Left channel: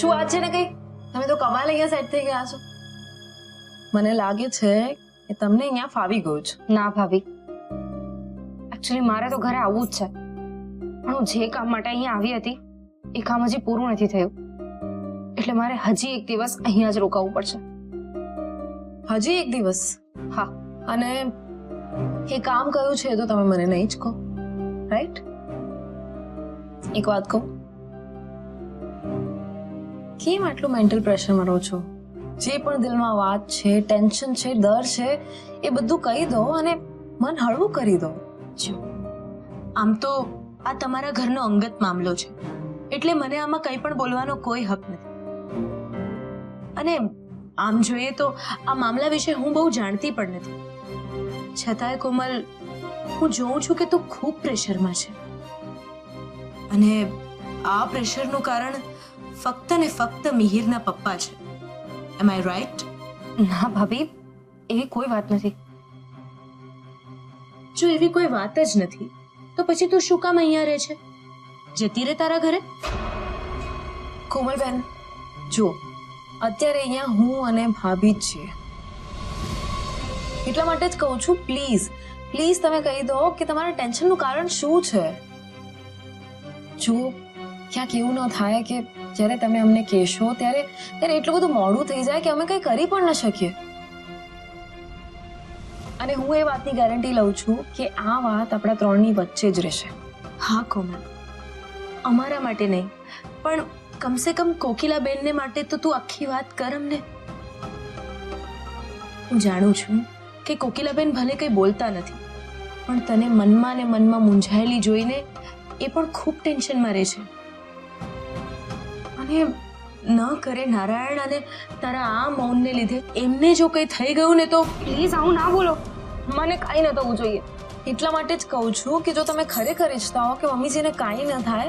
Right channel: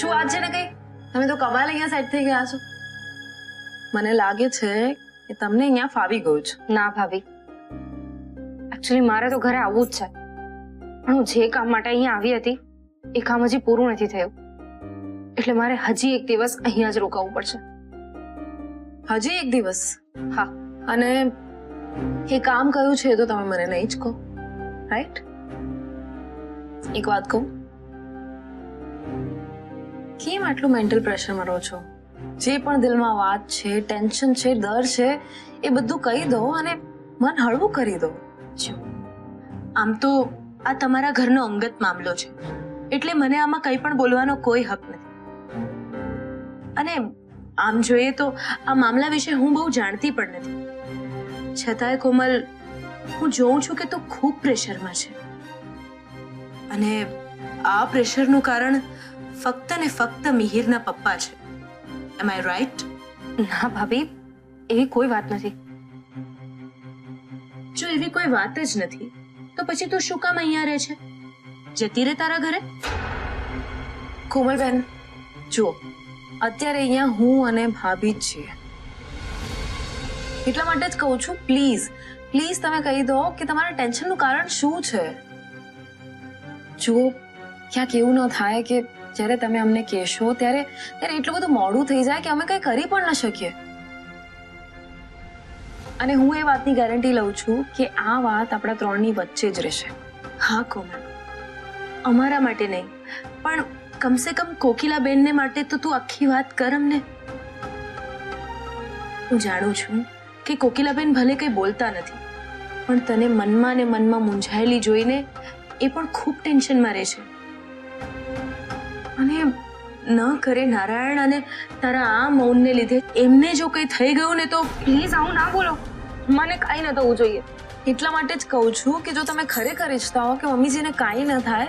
શું વાત છે ને કઈ? તમે તો કમાલ અહીંયા સેટ થઈ ગયા છો. મને લાગે છે કે તમને અહીંયા ફાવી ગયું છે. ના ભાભી, એકચ્યુઅલી મારે તો ઘરે આવવું જ છે, પણ હું જે કામ માટે અહીંયા આવી હતી એ કામ હજી પૂરું નથી થયું, એટલે મારે હજી એક દિવસ અહીંયા જ રોકાવું પડશે. હજી એક દિવસ? હા. અને એ કામ કયું છે તો તમે મને નહીં જ કહો, રાઈટ? એક વાત કહું, કેમ આટલું મેન્ટલ પ્રેશરમાં રહો છો? જે પણ દિલમાં વાત છે, ટેન્શન છે, ડર છે, એ બધું કહી દો અને મન હળવું કરી દો. જો આમ તો આ તમારા ઘરનો અંગત મામલો છે, એટલે મને આમાં કંઈ પણ બોલવાનો કોઈ હક નથી. અને આમ જોઈએ તો આ મામલા વિશે હું બહુ જાણતી પણ નથી, છતાંય કોમલ, હું જોઉં છું કે તું ખૂબ પ્રેશરમાં છે, અને આ પ્રેશરનું કારણ ફક્ત ને ફક્ત મિહિરના પપ્પા છે. એમ આઈ રાઈટ? ના ભાભી, એવી કોઈ વાત નથી. જો એવી કોઈ વાત જ નથી તો પછી તું શું કામ અહીંયા રહે છે? જતી રહે તારા ઘરે. કોમલબેન, જુઓ, અત્યારે અહીંયા હું અને ભાભી જ છીએ, એટલા માટે જ કહું છું, પ્લીઝ પ્લીઝ તમે કહી દો કે તમારા ટેન્શનનું કારણ શું છે. જુઓ, ક્યાંક એવું ન થાય કે જ્યારે તમે અમને કહેશો ત્યારે એટલું બધું મોડું થઈ જાય કે અમે કંઈ કરી પણ ન શકીએ. અને હું એ વાતની ગેરંટી લઉં છું કે આ વાત આપણા ત્રણની વચ્ચે જ રહેશે. હા કોમલ, અમારા માટે નહીં, પણ કમસે કમ કોકિલાબેનને માટે તો તું આખી વાત કર અમને. હું જાણું છું કે કોકિલાબેન ભલે કંઈ બોલતા નથી, પણ તને મનમાં ને મનમાં મૂંઝાયેલી જોઈને એ પણ ખૂબ ટેન્શનમાં રહે છે. અને ન કરે નારાયણ, અને તારા આ મૌનને લીધે એમને જો કંઈ થઈ ગયું ને તો. પ્લીઝ આવું ના બોલો, મને કાંઈ ન થવું જોઈએ. એટલા માટે જ કહું છું કે જો તમે ખરેખર ઈચ્છતા હો કે મમ્મીજીને કાંઈ ન થાય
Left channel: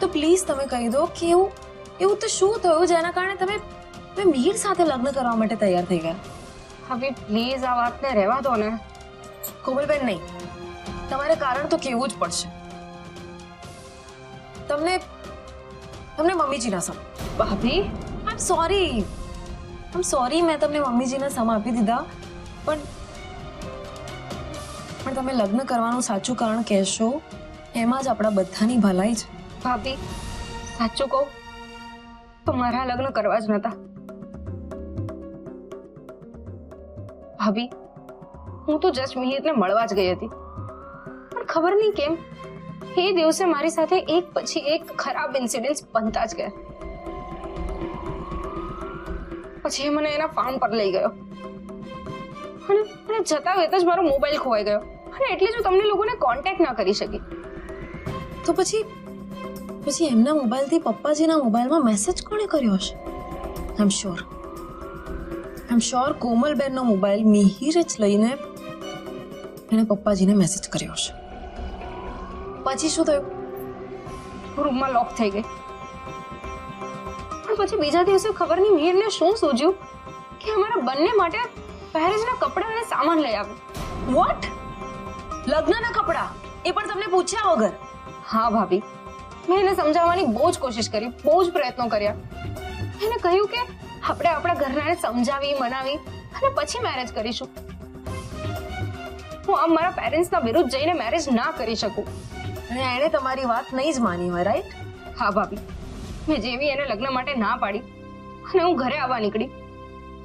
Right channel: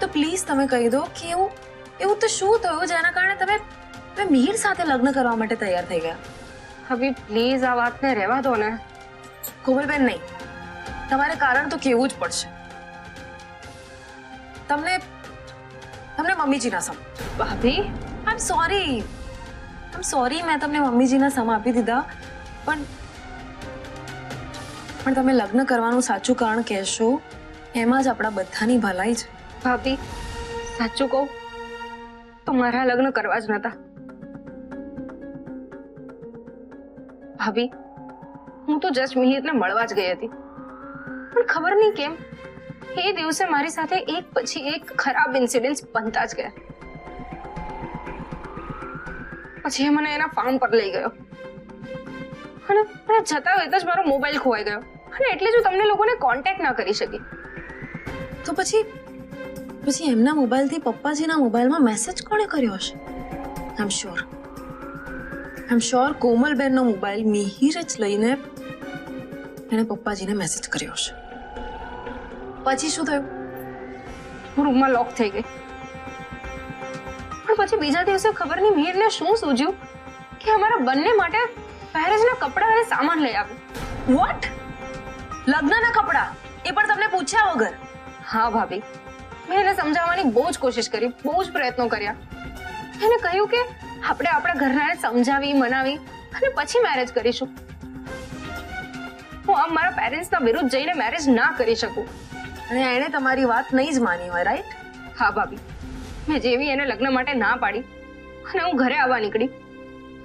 તો પ્લીઝ તમે કહી દો કે એવું તો શું થયું જેના કારણે તમે મિહિર સાથે લગ્ન કરવા માટે તૈયાર થઈ ગયા. ભાભી પ્લીઝ આ વાતને રહેવા દો ને. કોમલબેન, નહીં, તમારે કારણ તો કહેવું જ પડશે. તમને મમ્મીજીના સમ. ભાભી આઈ એમ સોરી મેં તમને મમ્મીજીના સમ આપી દીધા, પણ તમે લગ્ન કરવાનું સાચું કારણ કહેશો એમાં જ આપણા બધાની ભલાઈ છે. ભાભી સાચું કહું તો મારા લગ્ન કરવા જ નતા. ભાભી, હું તો જસ્ટ મિહિરને મળવા જ ગઈ હતી, પણ ખબર નહીં કેમ એ દિવસે મારી સાથે એક પછી એક ખરાબ ઇન્સિડન્ટ્સ બનતા જ ગયા. પછી એ મને એના ફાર્મ પર લઈ ગયો અને જતા વેત જ મારો મોબાઈલ ખોવાઈ ગયો, અને એટલે જ હું તમને લોકોને કોન્ટેક્ટ ના કરી શકી. તો પછી એમના મોબાઈલથી પપ્પાજીના મોબાઈલમાં મેસેજ કોણે કર્યો હશે? આઈ એમ શ્યોર કોમલબેનનો મોબાઈલ મિહિર જ લઈને એણે પપ્પાજીને મેસેજ કર્યો હશે. પછી શું થયું? હું રૂમમાં લોક થઈ ગઈ, પણ પછી બીજા દિવસે ખબર નહીં મિહિરને શું સૂઝ્યું કે અમારા બંને માટે પહેરેજના કપડાં અને સામાન લઈ આવ્યું. વોટ? લગ્નના કપડાં? એ પણ તમને પૂછ્યા વગર? હા ભાભી, મેં એને સમજાવવાની બહુ જ કોશિશ કરી, બહુ જ પ્રયત્નો કર્યા. એને કહ્યું કે આપણે આપણા ઘરનાને સમજાવી મનાવી અને પછી મેરેજ કરીશું. હું આમ મારા પેરેન્ટ્સના વિરુદ્ધ જઈને મેરેજ ના કરી શકું. અને એણે તમારી વાત નહીં જ માની હોય, રાઈટ? હા ભાભી, મેં જેવી એને લગ્ન માટે ના પાડી અને હું ઘરે આવવા નીકળી,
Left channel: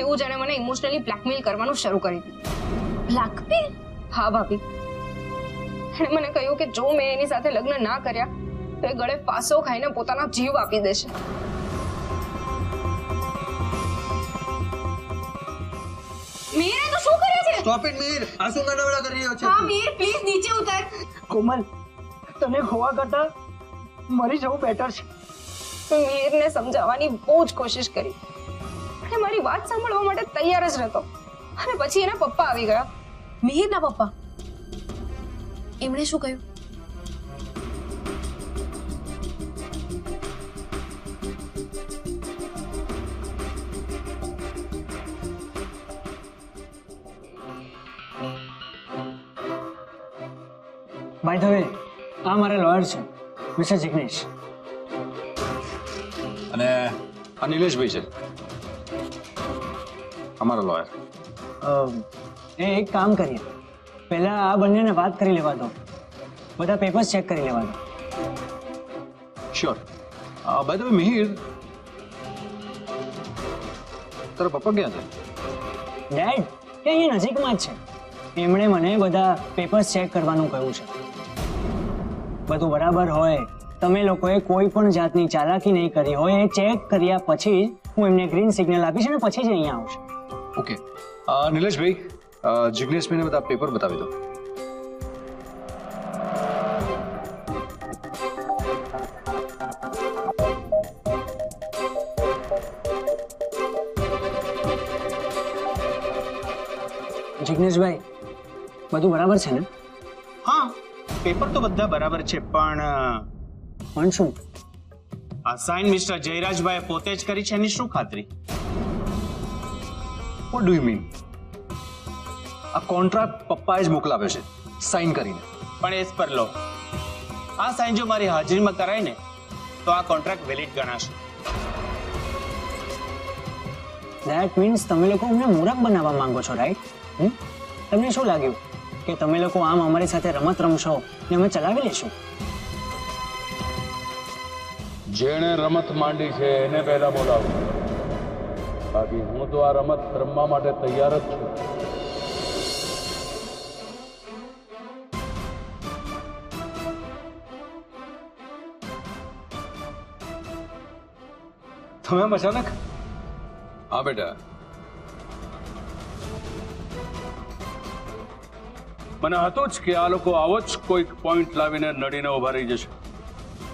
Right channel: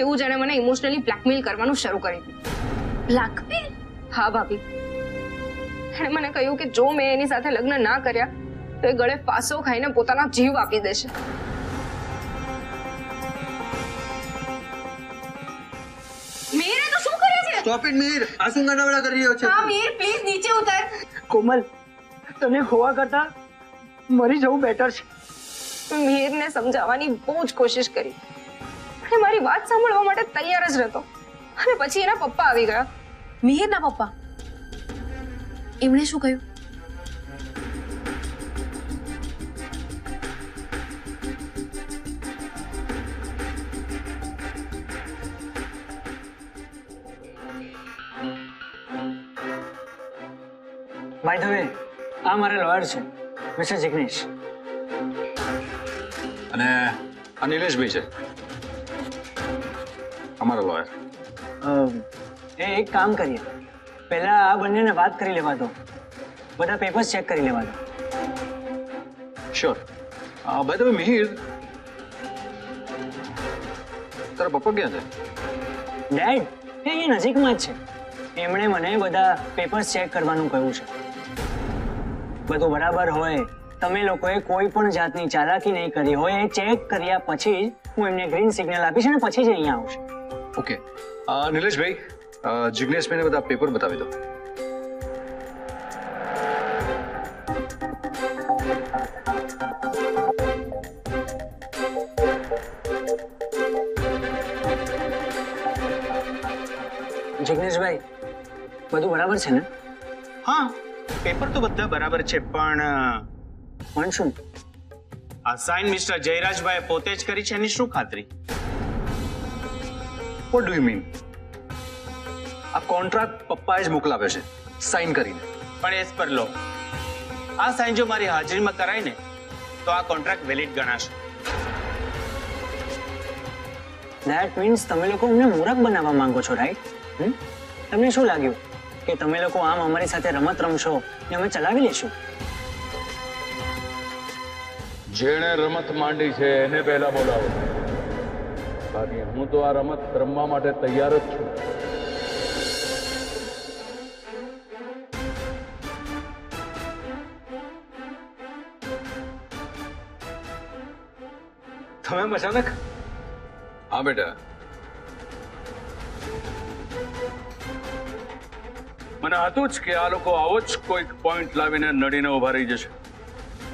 એવું જ એણે મને ઇમોશનલી બ્લેકમેલ કરવાનું શરૂ કરી દીધું. બ્લેકમેલ? હા ભાભી, એણે મને કહ્યું કે જો મેં એની સાથે લગ્ન ના કર્યા તો એ ગળે ફાંસો ખાઈને પોતાનો જીવ આપી દેશે. મિહિર, તું શું કરે છે? સ્ટોપ ઇટ મિહિર, આ શું ગાડાવાડા કરી રહ્યો છે? હા મિહિર, પ્લીઝ નીચે ઉતર. કોમલ, તને ખોવા કરતા મરી જવું બેટર છે. મેં મિહિરને સમજાવવાની બહુ જ કોશિશ કરી, અને મારી વાત સાંભળવા માટે તૈયાર જ નહોતો. અને પછી એના પપ્પા આવી ગયા. મિહિરના પપ્પા? એમણે શું કહ્યું? બાય ધ વે, આ મારા લોયર છે, મિસ્ટર જિગ્નેશ. અને આ નિલેશભાઈ છે અમારા લોયર. એક કામ કરીએ, પહેલા આ બંનેને વાત કરી લેવા દો, બધા પેપર્સ ચેક કરી લેવા દો. Sure. By the way Mihir, તારા પપ્પા ક્યાં છે? ડેડ એ અહીંયા નજીકમાં જ છે. એમણે મને બધા પેપર્સ ચેક કરવાનું કહ્યું છે. બધું બરાબર હોય, તમે લોકોએ કોઈ પણ જાતની ચાલાકી નહીં કરી હોય, એ ચેક કર્યા પછી જ હું એમને ગ્રીન સિગ્નલ આપીશ અને પછી જ અહીંયા આવશે. ઓકે. નિલેશભાઈ, જિગ્નેશભાઈને બધા પેપર બતાવી દો. જિગ્નેશભાઈ, બધું બરાબર છે ને? હા, પેપર તો બધા બરાબર છે, પણ શું? આ સાઇન મિસ્ટર જયરાજભાઈ પોતે જ કરી છે એની શું ખાતરી? What do you mean? આ કોન્ટ્રાક્ટ પપ્પાએ જ મોકલાવ્યો છે સાઇન કરીને. પણ એસ પર લો, આ સાઇન જો મારી હાજરીમાં કરાય ને તો આ કોન્ટ્રાક્ટ વેલિડ ગણાશે. ધેટ મીન્સ તમે લોકો અમને મૂરખ બનાવવા માંગો છો, રાઈટ? તમને શું લાગ્યું કે તમે લોકો આમ અમારી સાથે રમત રમશો ને અમે ચલાવી લેશું? જેણે રમત માંડી છે એને પહેલા બોલાવો, બાકી હું તો આ રમત રમવા માટે તૈયાર જ છું. તમે અચાનક? હા બેટા, મને હતું જ કે આ લોકો આવો જ કોઈક પોઈન્ટ લાવીને નડીને ઉભા રહી જશે,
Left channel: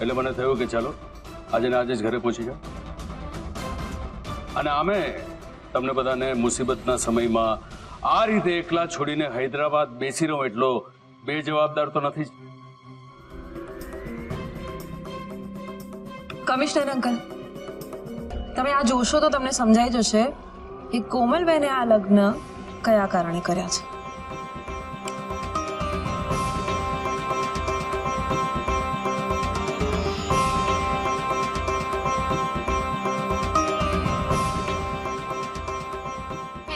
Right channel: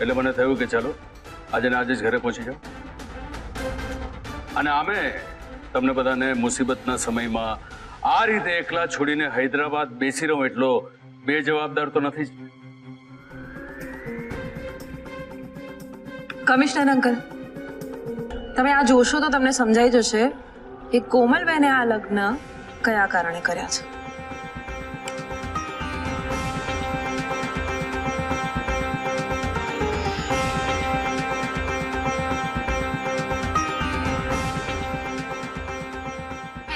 એટલે મને થયું કે ચાલો આજે ને આજે જ ઘરે પહોંચી જાઓ. અને આમે તમને બધાને મુસીબતના સમયમાં આ રીતે એકલા છોડીને હૈદરાબાદ બેસી રહું એટલો બેજવાબદાર તો નથી જ. કમિશનર અંકલ, તમે આ જોશો તો તમને સમજાઈ જશે કે કોમલબેને આ લગ્ન કયા કારણે કર્યા છે.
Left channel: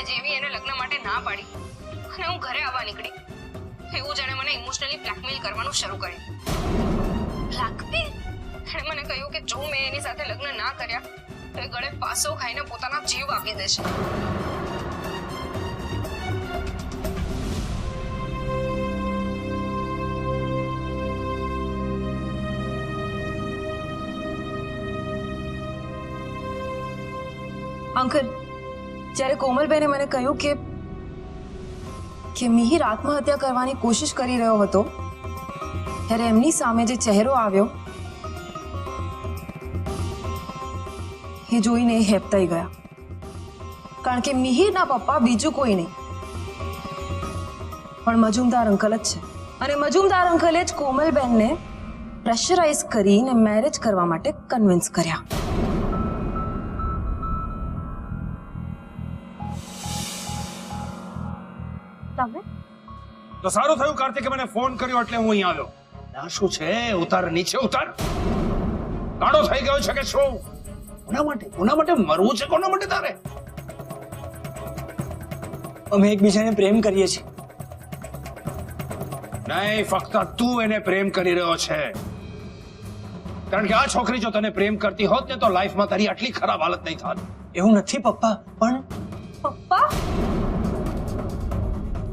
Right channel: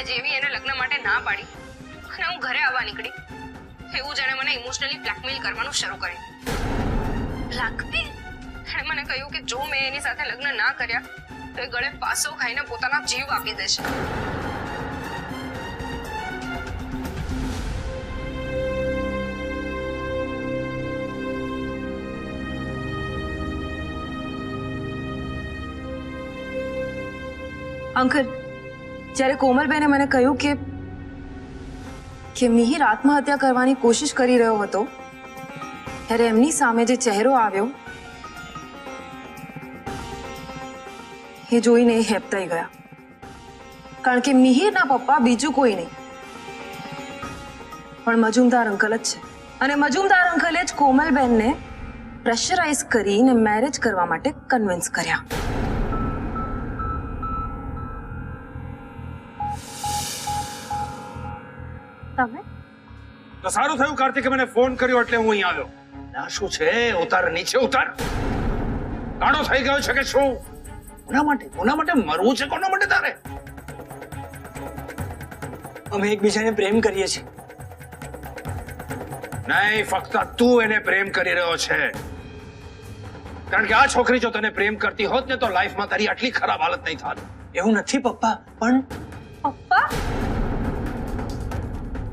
જેવી એને લગ્ન માટે ના પાડી અને હું ઘરે આવવા નીકળી, એવું જાણે મને ઇમોશનલી બ્લેકમેલ કરવાનું શરૂ કર્યું. બ્લેકમેલ? એણે મને કહ્યું કે જો મેં એની સાથે લગ્ન ના કર્યા તો એ ગળે ફાંસો ખાઈને પોતાના જીવ આપી દેશે. અંકલ, જ્યારે કોમલબેને મને કહ્યું કે મિહિર આત્મહત્યા કરવાની કોશિશ કરી રહ્યો હતો, ત્યારે એમની સામે જે ચહેરો આવ્યો એ જોઈને એ હેબતાઈ ગયા. કારણ કે મિહિરના પપ્પા બીજું કોઈ નહીં પણ મજુમદાર અંકલ જ છે. અને મજુમદાર અંકલે જ કોમલબેનને પ્રેશરાઇઝ કરીને મેરેજ કરવા માટે કન્વિન્સ કર્યા. તમે તો સારું થયું કાર્તિકે મને ફોન કર્યો એટલે હું અહીં આવ્યો. ના શું છે? ઉતાર, નીચે ઉતાર. કાંડો થઈ ગયો છે કે શું? કોના માટે મરવું છે? કોના માટે તારે? અમે એકબીજાને પ્રેમ કરીએ છીએ. નહીં, ફક્ત તું એને પ્રેમ કરી રહ્યો છે. કારણ કે આ છોકરી જો તને પ્રેમ કરતી હોત ને તો લાઈફમાં તારી આટલી ખરાબ હાલત નહીં થાત. એવું નથી પપ્પા, પણ પપ્પા?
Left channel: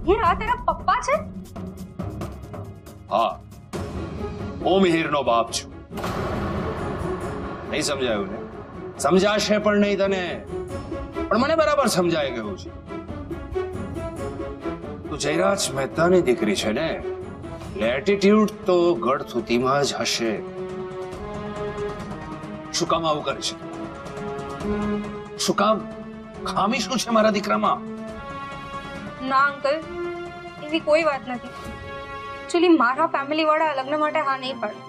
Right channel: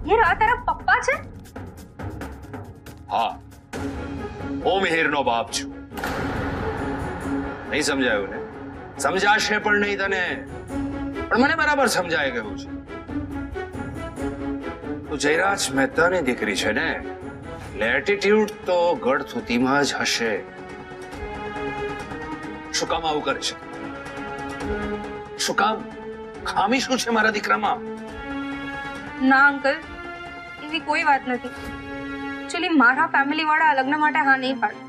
ये रात तेरा पप्पा છે? હા, હું મિહિરનો બાપ છું. નહીં સમજાયું ને? સમજાશે પણ નહીં તને, પણ મને બરાબર સમજાઈ ગયું છે. તું જયરાજ મહેતાની દીકરી છે ને, એટીટ્યુડ તો ગઢ સુધીમાં જ હશે. શું કામ આવું કરે છે? શું કામ? ખામી શું છે મારા દીકરામાં? ના અંકલ, એવી કોઈ વાત નથી. એકચ્યુઅલી મારા ફેમિલી વાળા લગ્ન માટે હા નહીં પાડે.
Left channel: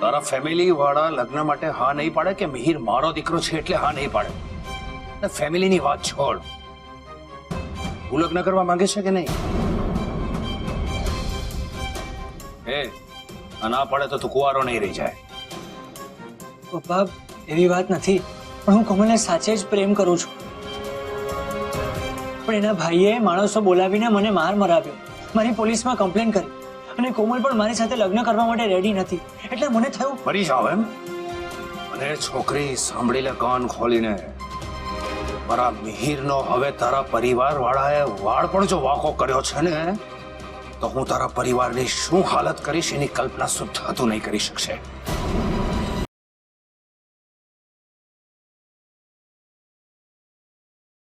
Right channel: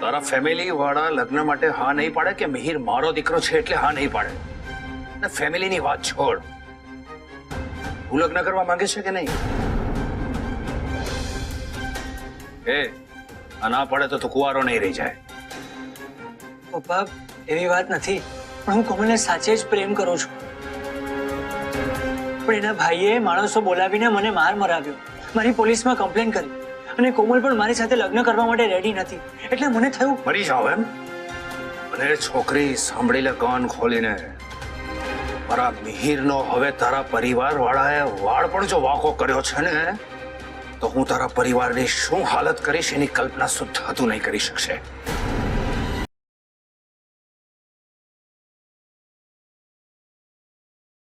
તારા ફેમિલી વાળા લગ્ન માટે હા નહીં પાડે કે મિહિર મારો દીકરો છે એટલે હા નહીં પાડે? ને ફેમિલીની વાત છોડ, હું લગ્ન કરવા માંગે છે કે નહીં? એ ના પડે તો તું કુંવારો નહીં રહી જાય. પપ્પા એવી વાત નથી, પણ હું કોમલને સાચે જ પ્રેમ કરું છું. પણ એના ભાઈએ માણસો બોલાવીને મને માર મરાવ્યો, મારી પોલીસમાં કમ્પ્લેન કરી, અને કોમલ પણ મારી સાથે લગ્ન કરવા માટે રેડી નથી. એટલે મને થયું મરી જાવ એમ. અને છોકરી સાંભળી લે કાન ખોલીને, મારા મિહિરનો હવે તારા પરિવાર વાળાએ વાળ પણ જો વાંકો કર્યો છે ને, તો હું તારા પરિવારની શું હાલત કરીશ એની કલ્પના સુદ્ધા તું નહીં કરી શકશે.